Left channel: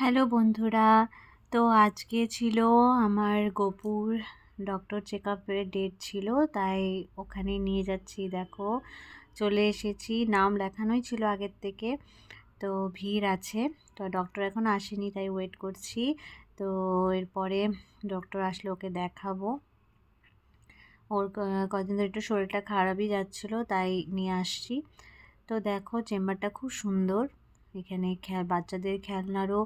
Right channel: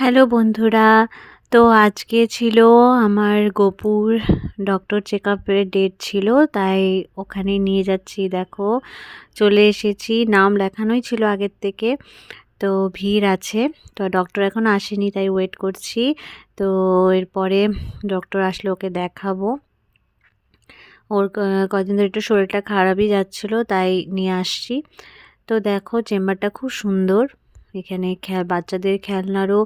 Hello বন্ধুরা, তো আজকে ছিল আমার গপুর ডক্টর চেকআপের ডেট ছিল, তাই ওখানে নিয়ে যাচ্ছি। দেখো চলে এসেছি, নাম লেখানোই ছিল আগের থেকে, তো ভিড় আছে। তো ডক্টর এখন আসেনি, তাই ওয়েট করছি। তো এরপরে ডক্টর আসলে ওকে দেখাবো। ওর কদিন ধরে একটু শরীরটা খারাপই যাচ্ছিলো, তাই নিয়ে আসছি। তো দেখো চেম্বারটা খুব সুন্দর, এখানে বাচ্চাদের খেলনারও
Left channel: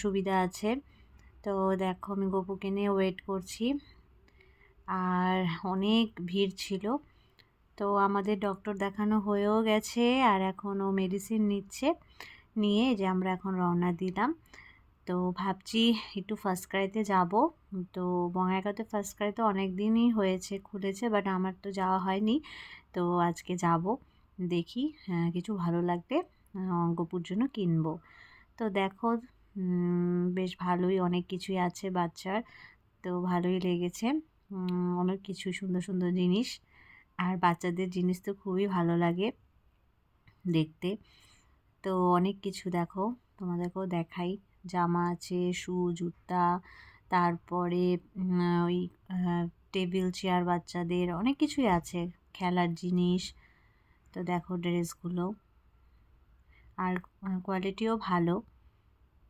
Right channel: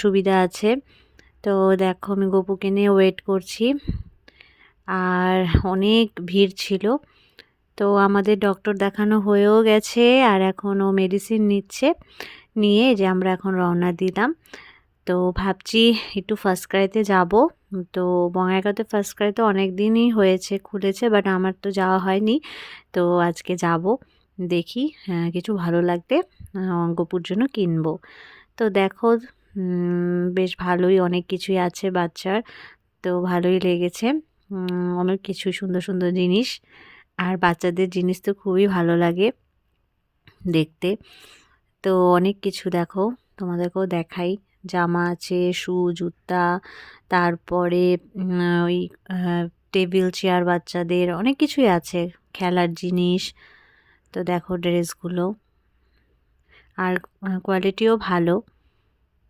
সুবিধা আছে। তো দেখো আমি গপুকে নিয়ে ওয়েট করছি, আর অনেক ভিড় ছিল। তো আমাদের ডক্টর দেখানো হয়েও গেছে, আর এখন ও মেডিসিন নিচ্ছে, নিয়ে যে আমরা এখন রওনা দিলাম। তো ভাবছি একটু ফার্স্ট ক্রাইতে যাব। তো বঙ্গাইগাঁওতে ফার্স্ট ক্রাই তো অনেক দিনই হয়েছে, খুলেছে, বাট আমার তো যাওয়া হয়নি। তো আজকে যাব, দেখি কিছু ভালো লাগলে গপুর জন্য কিনবো। তো দেখো বেশ ভালোই অনেক কিছুই আছে বাচ্চার, তো ভালোই লেগেছে। অনেক কিছু সুন্দর সুন্দর জিনিস, আর বাচ্চাদের জিনিস তো খুবই ভালো লাগে দেখতে। তো অনেক কিছু দেখো, তোমাদেরকেও দেখাই। জামা আছে, শু, জুতা, তারপরে ওই টেবিল চেয়ার, বাচ্চাদের অনেক কিছুই আছে, খেলার জিনিস। তো দেখো ড্রেসগুলো, আর কোয়ালিটিও ভালো।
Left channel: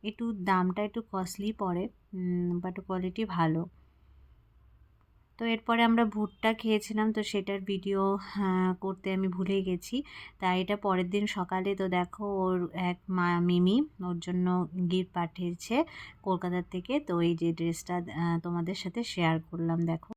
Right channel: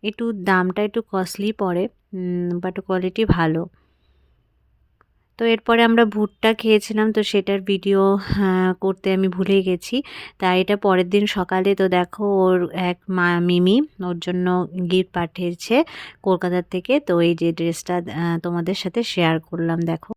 একটু দামটা একটু কস্টলি পড়ে, বাট কোয়ালিটি ভালো। তো এরপরে আমরা ভুট্টা খেয়েছিলাম, তো সেটার ভিডিও করতে আমি ভুলে গেছি। তাই এটা পরের দিন সকালে, তো দেখো ওর এক মিমি ওর জন্য গিফট পাঠিয়েছে কলকাতা থেকে। তো এই যে ড্রেসটা তোমাদের সাথে শেয়ার করলাম, দেখো।